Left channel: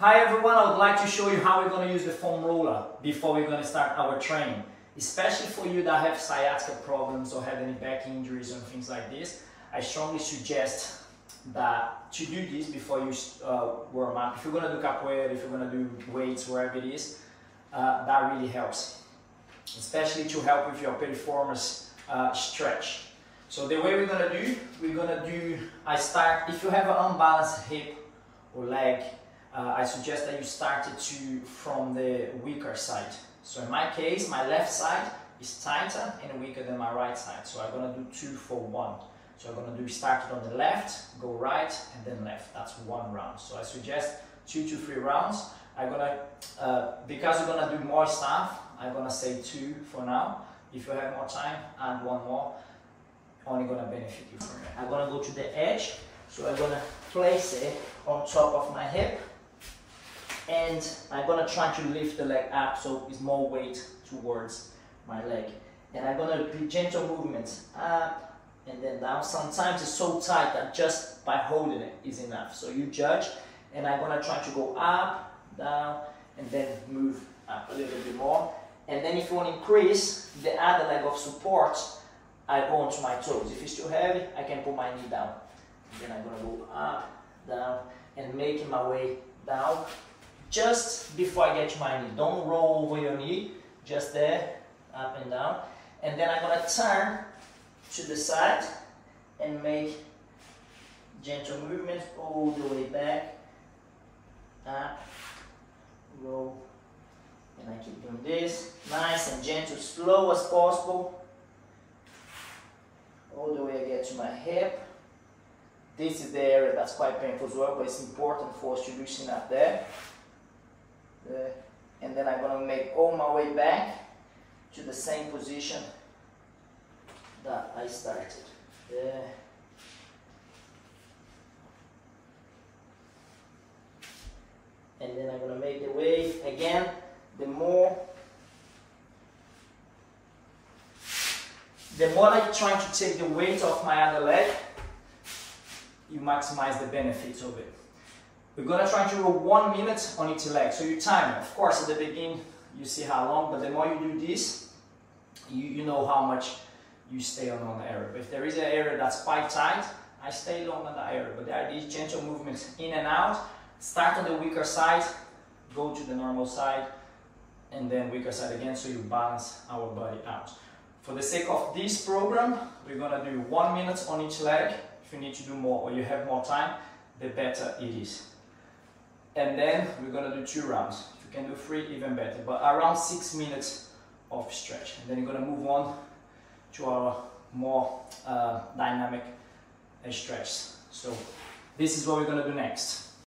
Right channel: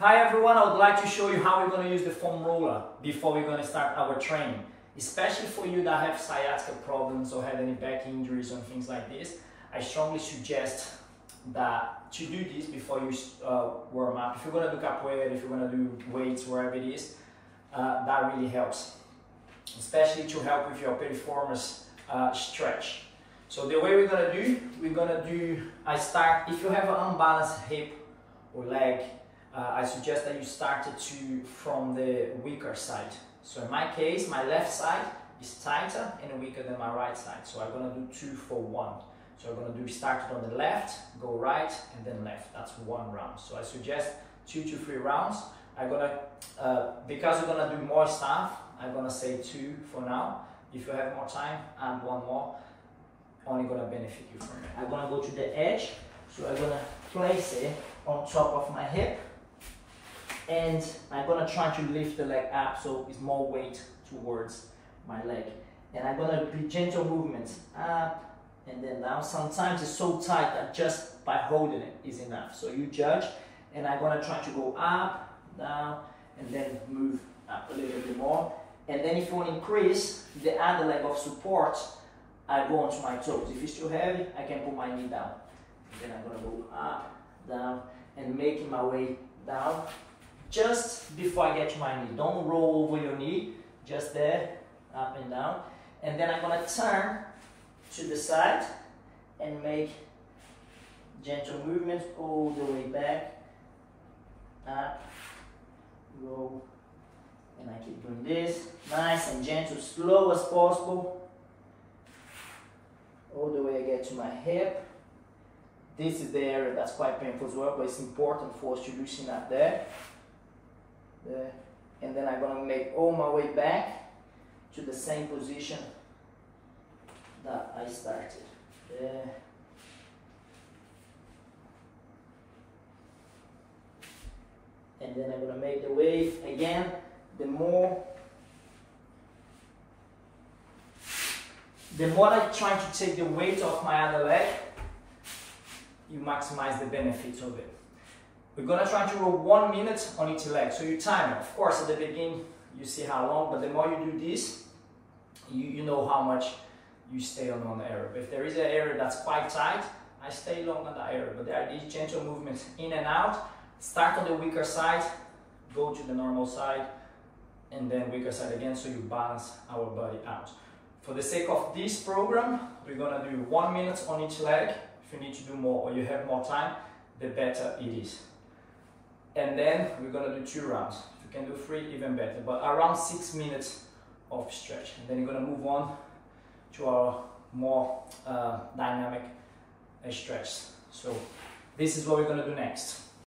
Hi everyone, I would like to show you how we're going to use the foam roller before we're going to start our training. Especially for you that have sciatica problems or have any back injuries and things like this, I strongly suggest that to do this before you warm up. If you're going to do capoeira, if you're going to do weights, wherever it is, that really helps. Especially to help with your piriformis stretch. So the way we're going to do, I start, if you have an unbalanced hip or leg, I suggest that you start it from the weaker side. So in my case, my left side is tighter and weaker than my right side. So I'm going to do 2 for 1. So I'm going to do start it on the left, go right, and then left. That's 1 round. So I suggest 2 to 3 rounds. I'm going to, because we're going to do more stuff, I'm going to say 2 for now. If you have more time, add 1 more. Only going to benefit you from it. I'm going to go to the edge. So I'm going to place it on top of my hip. And I'm going to try to lift the leg up so it's more weight towards my leg. And I'm going to do gentle movements up and then down. Sometimes it's so tight that just by holding it is enough. So you judge. And I'm going to try to go up, down, and then move up a little bit more. And then if you want to increase the other leg of support, I go onto my toes. If it's too heavy, I can put my knee down. Then I'm going to go up, down, and making my way down. Just before I get to my knee. Don't roll over your knee, just there, up and down. And then I'm going to turn to the side and make gentle movements all the way back, up, roll, and I keep doing this, nice and gentle, slow as possible, all the way I get to my hip. This is the area that's quite painful as well, but it's important for us to loosen up there. And then I'm going to make all my way back to the same position that I started. There. And then I'm going to make the way again. The more I try to take the weight off my other leg, you maximize the benefits of it. We're going to try to roll 1 minute on each leg. So you time it. Of course, at the beginning, you see how long, but the more you do this, you know how much you stay on one area. But if there is an area that's quite tight, I stay long on that area. But there are these gentle movements in and out. Start on the weaker side, go to the normal side, and then weaker side again, so you balance our body out. For the sake of this program, we're going to do 1 minute on each leg. If you need to do more or you have more time, the better it is. And then we're going to do 2 rounds. If you can do 3, even better. But around 6 minutes of stretch. And then you're going to move on to our more dynamic stretches. So this is what we're going to do next.